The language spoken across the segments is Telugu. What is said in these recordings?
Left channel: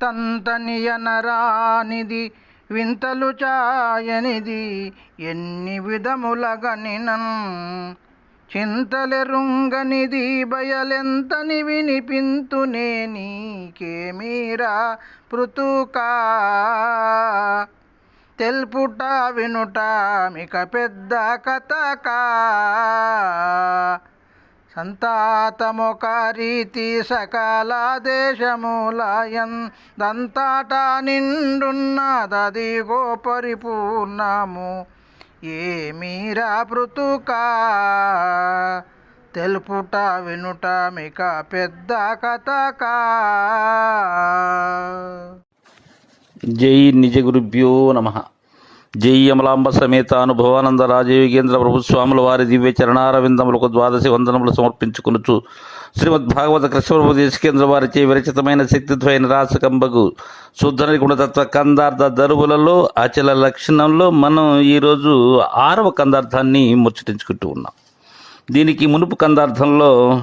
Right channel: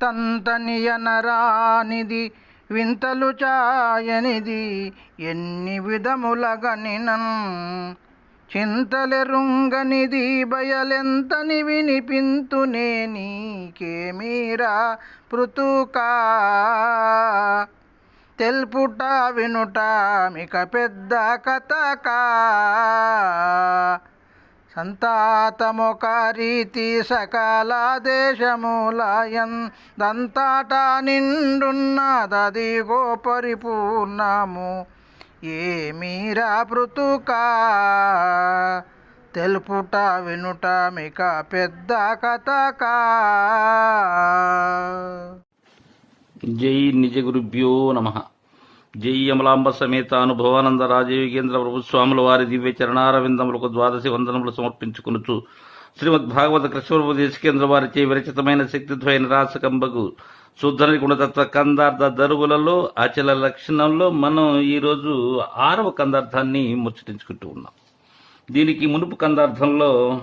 తంతనియనరానిది వింతలు చాయనిది ఎన్ని విధములగనినన్? చింతలెరుంగనిది బయలెంతని వినిపింతునే నీకేమీరా పృతుకా? తెల్పుట వినుట మిక పెద్ద కథకా? సంతాతమొక రీతి సకల దంతాట నిండున్నదది పరిపూర్ణము ఏమీరా పృతుకా? తెలుపుట వినుట మిక పెద్ద కథకా? జై నిజ గురుభ్యో నమ. జై అమలాంబ సమేత అనుభవానంద రాజయోగేంద్ర ప్రభుస్వాముల వారి దివ్య చరణారవిందములకు ద్వాదశి వందనములు సమర్పించుకునుచు శ్రీమద్ భాగవత కృష్ణప్రభు దేశకేంద్ర వారిచే విరచితమైన శక్తిద్వైన రాసకంబకు శుద్ధని గుణతత్వ కందార్థ దరువులలో అచల లక్షణంలో మనం ఈరోజు ఆరవ కందార్థాన్ని ముచ్చటించుకుంటూ ఉన్నాం. దీనికి మునుపు కందార్థంలో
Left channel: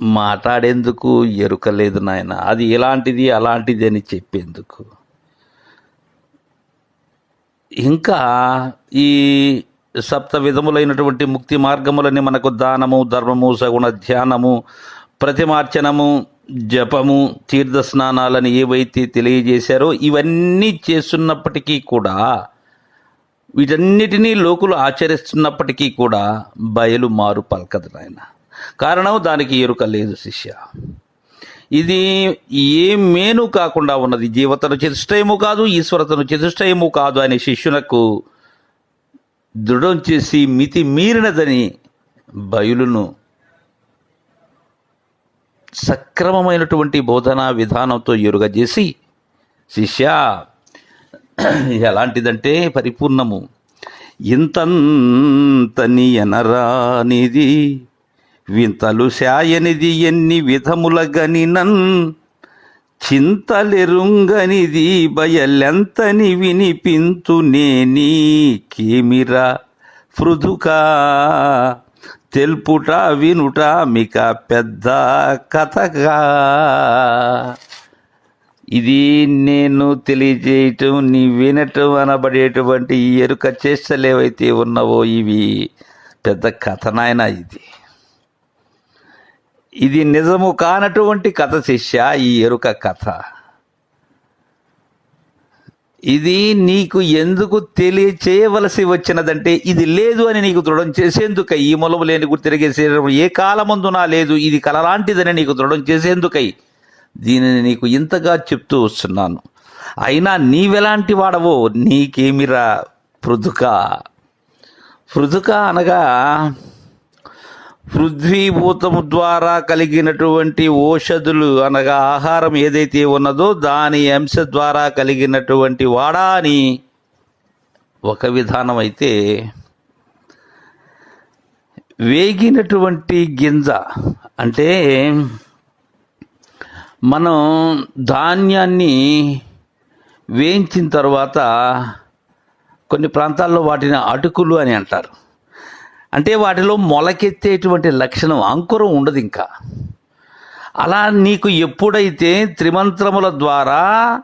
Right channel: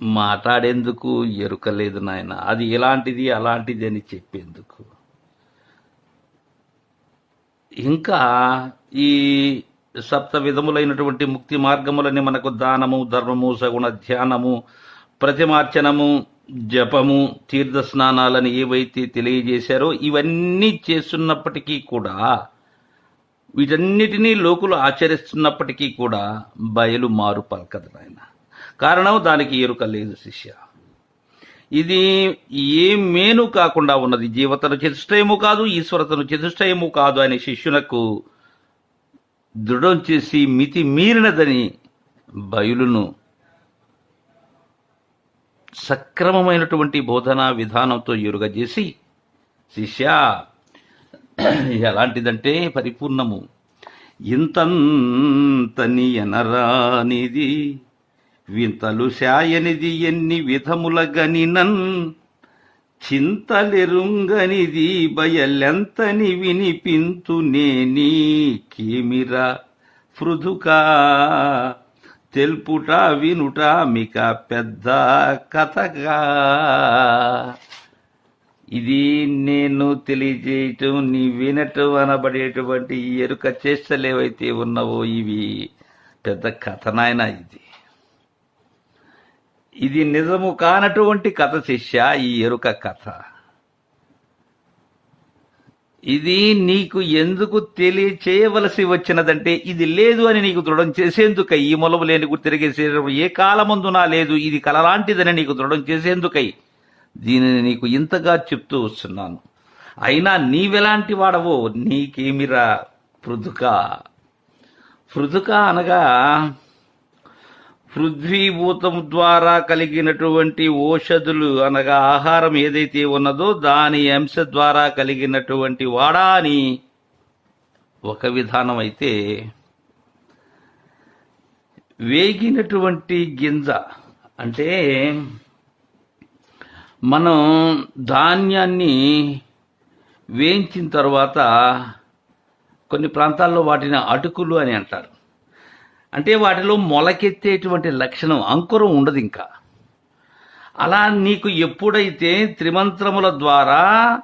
మాట్లాడేందుకు ఎరుక లేదు నాయన. అది ఎలాంటిది అలాంటిది అని చెప్పేందుకు. ఇంకా ఈ సప్త విధములైనటువంటి ముక్తి మార్గములని మనకు దానము ధర్మము సగుణ ధ్యానము ప్రతిమార్చనము జపము తీర్థ స్నానాలని ఏవైతే తెలియజేశారో ఇవన్నీ చేస్తున్నప్పటికీ కూడా వీటన్నిటినీ లోకులు ఆచరిస్తున్నప్పటికీ కూడా బయలు మారు పలకదు నాయన. కారణం దానికి ఎరుక లేదు శిష్య. ఇది ఏ మేను కాకుండా ఉన్నది? జీవతను చతుష్టయము కాదు ఈశ్వరతను చతుష్టయము కాదు అనే శిష్యునకు దృఢం చేసి మితి మీరినదని బయలును సక్రమమైనటువంటి బోధనా విధానంతో ఎరుగజేసి శిష్య ఎలాంటిదంటే పరిపూర్ణము. ఇంతంతని ఎనరానిది వింతలు శాయనిది ఎన్ని విధముల గనినన్ చింతలెరుంగనిది బయలెంతని వినిపింతునే నీకేమిరా పృథుకా తెలుపుట వినుట మిక పెద్ద కథగా ఇది నేను తెలియజేయటం నీ వినటం అనబడేటువంటి ఈ ఎరుక చేష్టలేవైతే ఉన్నావో ఇవి? పెద్ద కథనాయన ఇది. ఇది నిజము కానటువంటి కథ శిష్య ఈ ఎరుక కథ. ఇది నీకు ఎందుకు తెలియచేయవలసి వచ్చినదంటే ఇది లేదు అని నీకు దృఢం చేసేందుకై ఈ మొలము లేని తిరిగే శరీరం ఏ కాలమందునా లేదు ఇది కలలాంటిదని నీకు దృఢం చేసేందుకై దీనిని నీకు ఇంతగా చెప్తూ వస్తున్నాను. అయినా నీవెలాంటి వాడవో నీకేమిరా పృథుక? పృథుక అనగా పృథ్వీభూతము ద్వారా కలిగినటువంటి ఔషధులు అనగా ఆహారం ఏదైతే ఉన్నదో దాని అంశ ద్వారా కలిగినటువంటి వాడా అని ఒక విధానం అయితే వేగినటువంటి గింజ. అంటే మనం ధాన్యాన్ని వేయించిన తర్వాత కొన్ని ప్రాంతాల్లో వాటిని అటుకులు అని అంటారు. అంటే వాటిలో మొలకెత్తేటువంటి లక్షణం అంకురం ఉండదు ఇంకా. అలా నీకు ఎప్పుడైతే త్రిమంత్రముల ద్వారా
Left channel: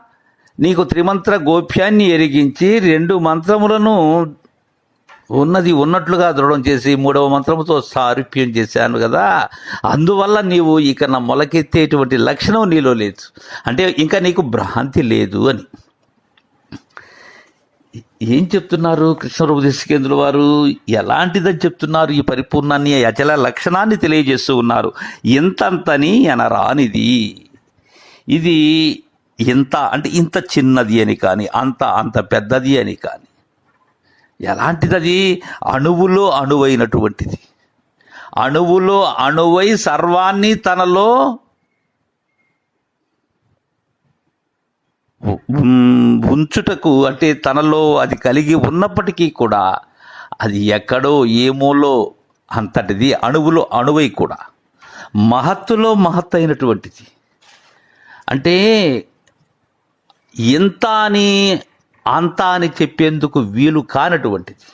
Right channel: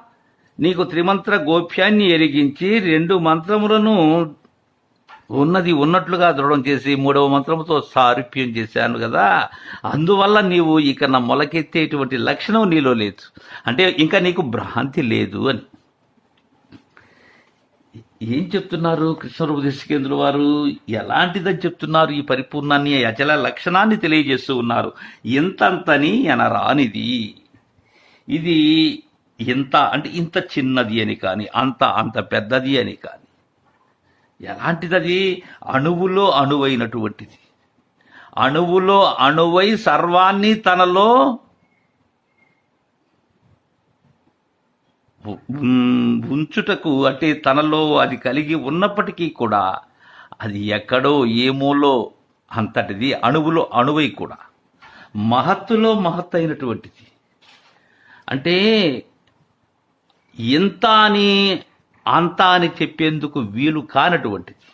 నీకు త్రిమంత్ర గోప్యాన్ని ఎరిగించి రెండు మంత్రములను ఉన్నది ఉన్నట్లుగా దృఢం చేసి మూడవ మంత్రముతో సారూప్యం చేశాను కదా అందువల్ల నీవు ఇక నా మొలకెత్తేటువంటి లక్షణం నీలో లేదు. అంటే ఇంకా నీకు భ్రాంతి లేదు అని. ఏం చెప్తున్నారు కృష్ణరూప దేశికేంద్రుల వారు? ఎలాంటిదని చెప్తున్నారు? ఈ పరిపూర్ణాన్ని అచల లక్షణాన్ని తెలియజేస్తూ ఉన్నారు. ఇంతంతని ఎనరానిది. ఇది ఇంత అంటే ఇంత చిన్నది అని కానీ అంత అంత పెద్దది అని కానీ ఎలాంటిదది? అణువులో అణువైనటువంటిది. అణువులో అణువై సర్వాన్ని తనలో ఉంచుటకు అంటే తనలో అది కలిగి ఉన్నప్పటికీ కూడా అది ఎక్కడో ఏమోలో అంతటిది అణువులో అణువై కూడా. మహత్తులో మహత్తైనటువంటిది అంటే ఇంత అని అంత అని చెప్పేందుకు వీలు కానటువంటిది.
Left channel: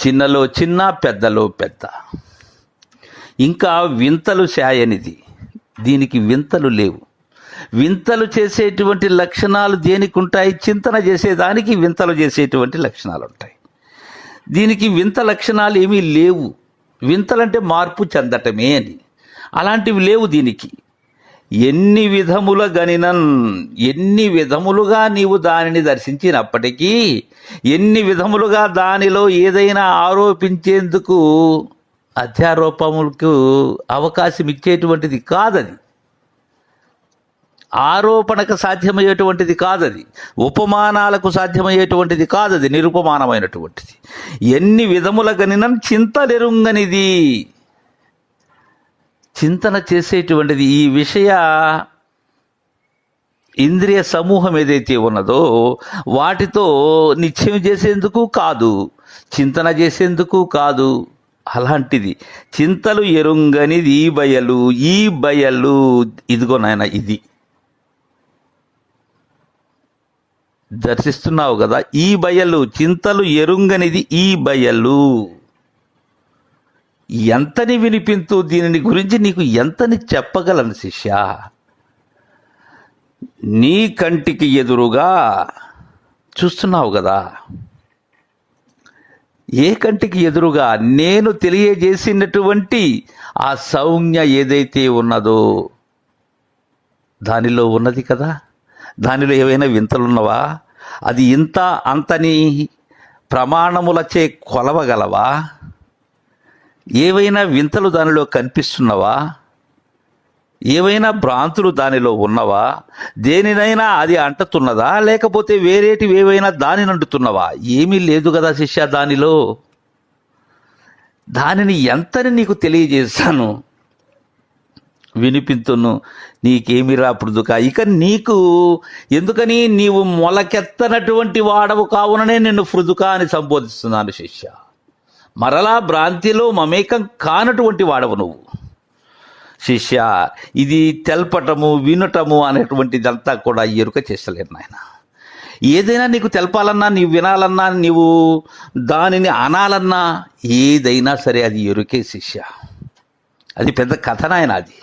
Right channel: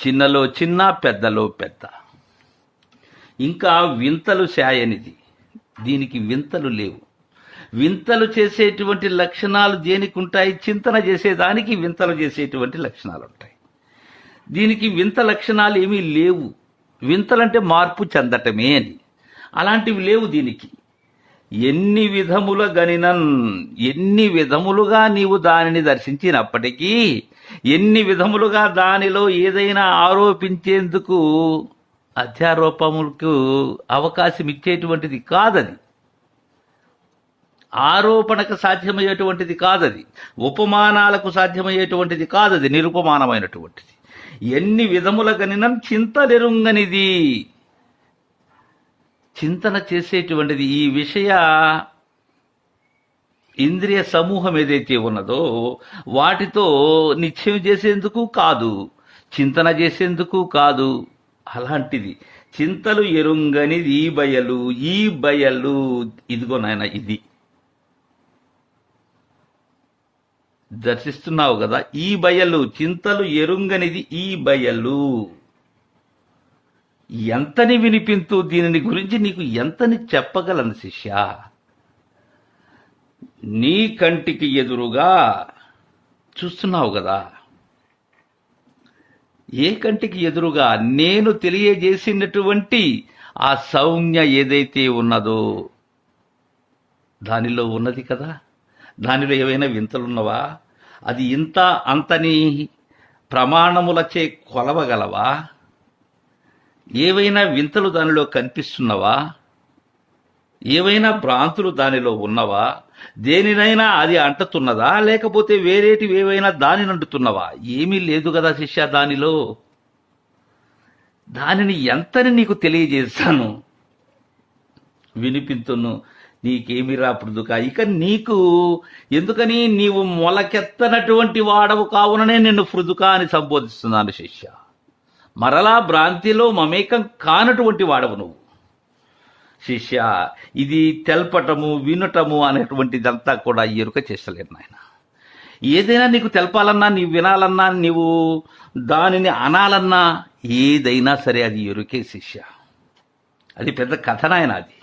చిన్నలో చిన్న పెద్దలో పెద్ద. ఇంకా వింతలు శాయనిది. దీనికి వింతలు లేవు. వింతలు చేసేటువంటి లక్షణాలు దేనికి ఉంటాయి చింతన చేసేదానికి వింతలు చేసేటువంటి లక్షణాలు ఉంటాయి దీనికి వింత లక్షణాలు ఏమీ లేవు. వింతలంటే మార్పు చెందటమే అని. అలాంటివి లేవు దీనికి. ఎన్ని విధముల గనినన్ ఎన్ని విధములుగా నీవు దానిని దర్శించినప్పటికీ ఎన్ని విధములుగా దానిలో ఏదైనా ఆరోపించేందుకు అధ్యారోపములకు అవకాశం ఇచ్చేటువంటిది కాదది. ఆరోపణకు సాధ్యమయ్యేటువంటిది కాదది. ఉపమానాలకు సాధ్యమయ్యేటువంటిది కాదది. నిరుపమానమైనటువంటిది. ఎన్ని విధముల గనినం చింతలెరుంగనిది. చింతన చేసేటువంటిది ఈ విషయ ఇంద్రియ సమూహం ఏదైతే ఉన్నదో వాటితో నిత్యం చేసేందుకు కాదు. చింతన చేసేందుకు కాదు. అలాంటిది చింతలు ఎరుంగనిది ఈ బయలు ఈ బయలు. ఇదిగో నాయన ఇది. దర్శిస్తున్నావు కదా ఈ బయలు చింతలు ఎరుంగనిది ఈ బయలు. ఎంతని వినిపింతు దీనిని గురించి నీకు ఎంతని చెప్పగలను శిష్య? నీ కంటికి ఎదురుగా చూస్తున్నావు కదా. ఏ కంటికి ఎదురుగా? నేను తెలియజేసినటువంటి ఆ సౌజ్ఞ ఏదైతే ఉన్నదో దానిలో ఉన్నది కదా. దానిలో ఏవైనా వింతలున్నవా అది ఇంత అంతని ప్రమాణములచే కొలవగలవా? ఏవైనా వింతలు దానిలో కనిపిస్తున్నవా? ఏవైనా భ్రాంతులు దానిలో ఉన్నవా? దేనినైనా అది అంటుతున్నదా? లేకపోతే వేరేటివి ఏవైనా దానిని అంటుతున్నవా ఏమీ లేదు కదా శిష్య దానిలో. దానిని ఎంతని నీకు తెలియజేశాను? వినిపింతును. నీకేమి రాపుడుదుక ఇక నీకు ఎందుకని నీవు మొలకెత్తనటువంటి వాడవు కావుననే నిన్ను ఫృదుక అని సంబోధిస్తున్నాను శిష్య. మరలా భ్రాంతిలో మమేకం కానటువంటి వాడవు నువ్వు. శిష్య ఇది తెల్పటము వినటము అనేటువంటిదంతా కూడా ఎరుక చేస్తలేను నాయన. ఏదైనా నీకు తెలపాలన్నా నీవు వినాలన్నా నీవు దానిని అనాలన్నా ఏదైనా సరే అది ఎరుకే శిష్య. అది పెద్ద కథ నాయన అది.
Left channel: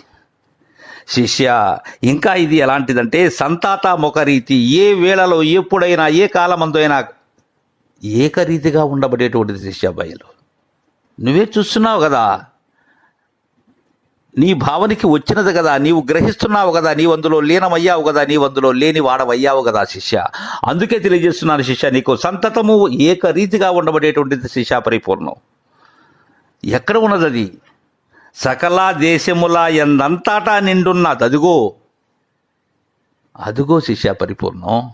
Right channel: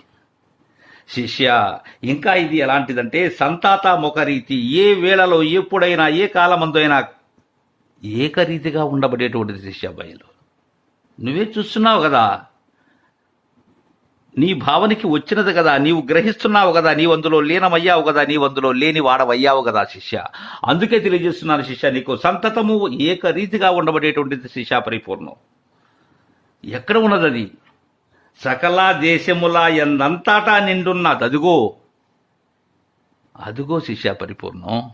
శిష్య ఇంకా ఇది ఎలాంటిదంటే సంతాత ముఖరీతి ఏ వేళలో ఎప్పుడైనా ఏ కాలమందైనా ఏకరీతిగా ఉండబడేటువంటిది శిష్య బయలు నువ్వే చూస్తున్నావు కదా నీ భావనకి వచ్చినది కదా నీవు గ్రహిస్తున్నావు కదా నీవు అందులో లీనమయ్యావు కదా నీవు అందులో లేని వాడవయ్యావు కదా శిష్య. అందుకే తెలియజేస్తున్నాను శిష్య నీకు సంతతము ఏకరీతిగా ఉండబడేటువంటిది శిష్య పరిపూర్ణం. ఎక్కడ ఉన్నది అది సకల దేశముల ఎందంతటా నిండున్నది అదుగో. అదుగో శిష్య పరిపూర్ణం.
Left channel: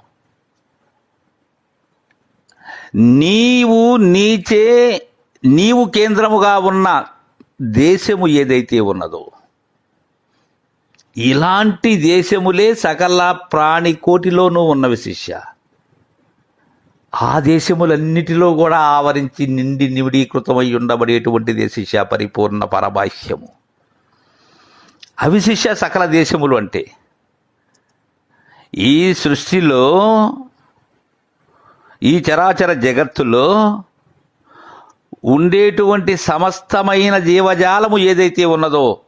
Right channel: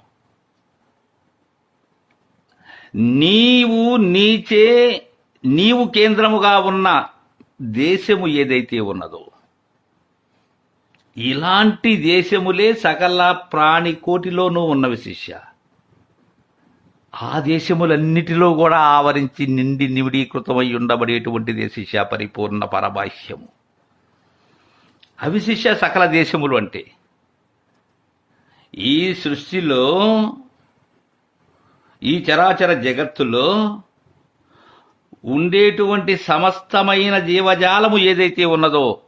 నీవు నీచే నీవు కేంద్రముగా ఉన్న దేశము ఏదైతే ఉన్నదో ఇలాంటి దేశములే సకల ప్రాణి కోటిలోనూ ఉన్నవి శిష్య. ఆ దేశములన్నిటిలో కూడా ఆవరించి నిండి నివిడీకృతమై ఉండబడేటువంటి దేశిష పరిపూర్ణ పరబాహ్యము. అవిశిష్య సకల దేశములు అంటే ఈ సృష్టిలో ఈ చరాచర జగత్తులో ఉండేటువంటి సమస్తమైన జీవజాలము ఏదైతే ఉన్నదో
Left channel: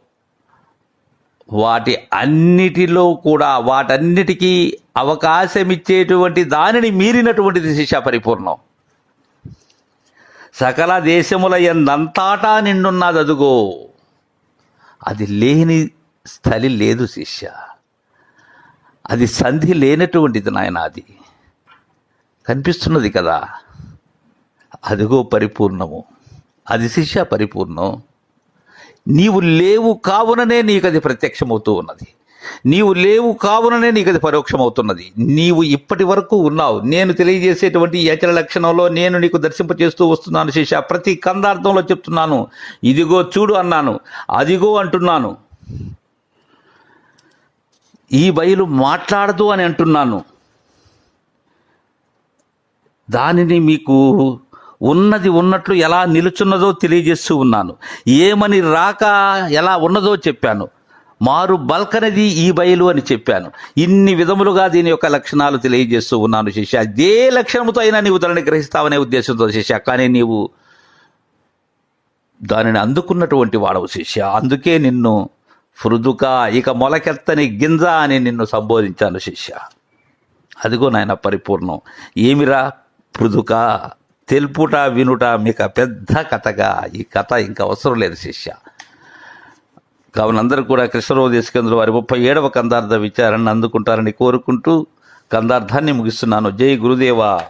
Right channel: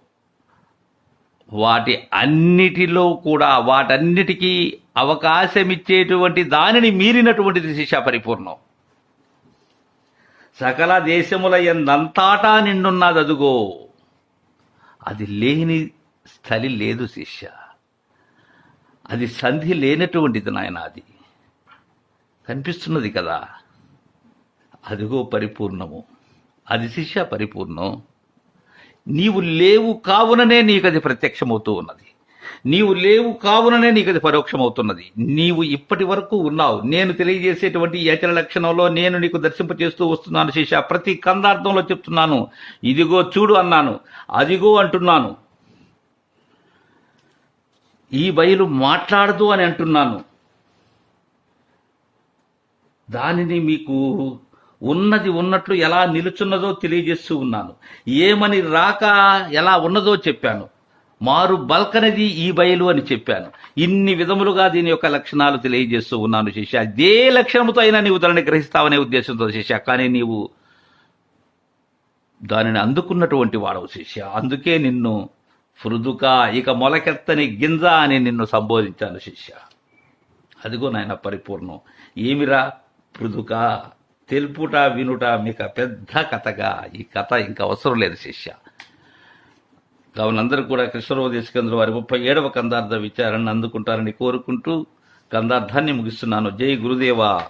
వాటి అన్నిటిలో కూడా వాటన్నిటికీ అవకాశం ఇచ్చేటువంటి దానిని మీరినటువంటిది శిక్ష పరిపూర్ణం. సకల దేశముల ఎందంతాటా నిండున్నది అదుగో అది లేని స్థలి లేదు శిష్య. అది సంధి లేనటువంటిది నాయన అది. కనిపిస్తున్నది కదా. అదిగో పరిపూర్ణము. అది శిష్య పరిపూర్ణం. నీవు లేవు కావుననే నీకు అది ప్రత్యక్షమవుతూ ఉన్నది. నీవు లేవు కావుననే నీకు అది పరోక్షమవుతున్నది. నీవు ఇప్పటి వరకు ఉన్నావు. నేను తెలియజేసేటువంటి ఏచల లక్షణంలో నేను నీకు దర్శింపచేస్తూ వస్తున్నాను శిష్య. ప్రతి కందార్థంలో చెప్తున్నాను. ఇదిగో చూడు అన్నాను. అదిగో అంటున్నాను. ఈ బయలు మాట్లాడదు అని అంటున్నాను. దానిని మీకు ఉన్నది ఉన్నట్లు ఎలా నిలుచున్నదో తెలియజేస్తూ ఉన్నాను. ఏమని రాక ఎలా ఉన్నదో చెప్పాను. మారు బల్కనది ఈ బయలు అని చెప్పాను. ఇన్ని విధములుగా దీని యొక్క లక్షణాలు తెలియజేస్తూ ఉన్నాను శిష్య. అదే లక్షణముతో అయినా నీవు దానిని గ్రహిస్తావనే ఉద్దేశంతో శిష్య. కానీ నీవు దానిని అందుకున్నటువంటి వాడవు శిష్య. అందుకే నిన్ను ఫృదుక ఇక మొలకెత్తని గింజ అని నిన్ను సంబోధించాను శిష్య. అదిగో నాయన పరిపూర్ణం. ఏమిరా పృదుకా తెలుపుట వినుట మీకు పెద్ద కథగా. ఈ కథ ఇంకా అవసరం లేదు శిష్య. కావున అందరూ కూడా కృష్ణరోదేశ కేంద్రం వారి ముప్పై ఏడవ కందార్థ విచారణ అందుకుంటారని కోరుకుంటూ కందార్థాన్ని ముగిస్తున్నాను. జై గురుదేవా.